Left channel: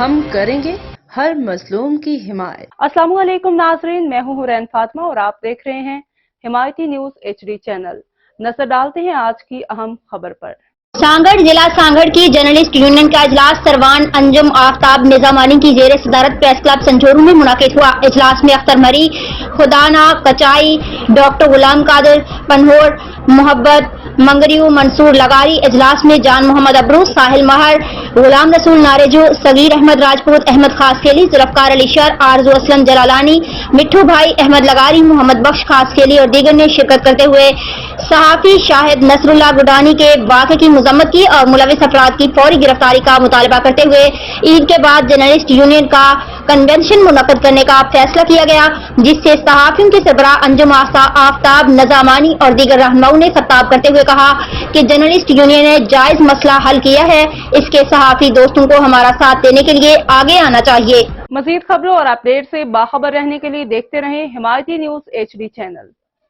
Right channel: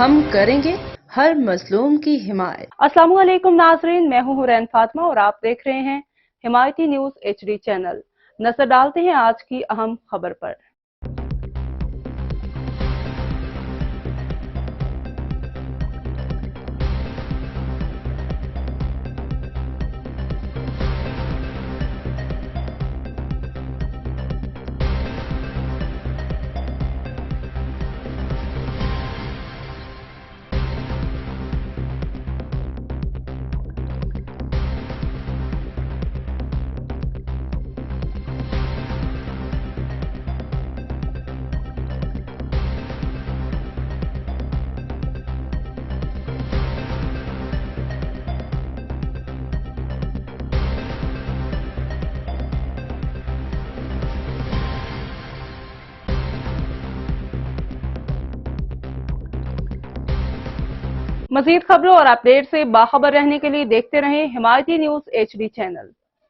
ہم کریں گے ہر مظلوم کی حمایت۔ السلام علیکم ناظرین، میں ہوں حورین فاطمہ اور آپ دیکھ رہے ہیں حمایتی نیوز HD چینل۔ نظر ڈالتے ہیں آج کی اہم خبر پر۔ سانگڑ ضلع سانگڑ کی جرنلسٹ یونین کا اجلاس سروان انجم آفتاب نظامانی کی زیر صدارت پریس کلب سنجورو میں منعقد ہوا۔ اجلاس میں اختر مری، خدانا کچائی، ڈاکٹر غلام قادر پنہور، محبت منگریو، منصور لغاری۔ اجلاس میں جان محمد ابرو، ساحل مہر، غلام رسول نارجو، صغیر احمد راجپوت، احمد خاصکیلی، ذوالفقار علی شر، آرزو اسلم جلالانی، مٹھو بھائی، احمد لغاری، محمد بخش خاصکیلی اور دیگر نے شرکت کرتے ہوئے صحافی شاہد نصر اللہ گڈانی کے واقعے کی مذمت کی اور ملوث افراد کی فوری گرفتاری کا مطالبہ کرتے ہوئے عید کے بعد جرنلسٹ یونین کا کنونشن منعقد کرنے کا فیصلہ کیا گیا، جس سے صحافیوں کے سربراہ انجم آفتاب نظامانی اور دیگر رہنماؤں نے خطاب کرتے ہوئے کہا کہ جرنلسٹ یونین نے جائز مسئلہ حل کیا ہے، اس کے صحافی دوستوں کو ہمارا ساتھ دینے کے لیے آگے آنا چاہیے۔ مزید خبروں اور اپڈیٹ سے باخبر رہنے کے لیے دیکھتے رہیں حمایتی نیوز HD چینل۔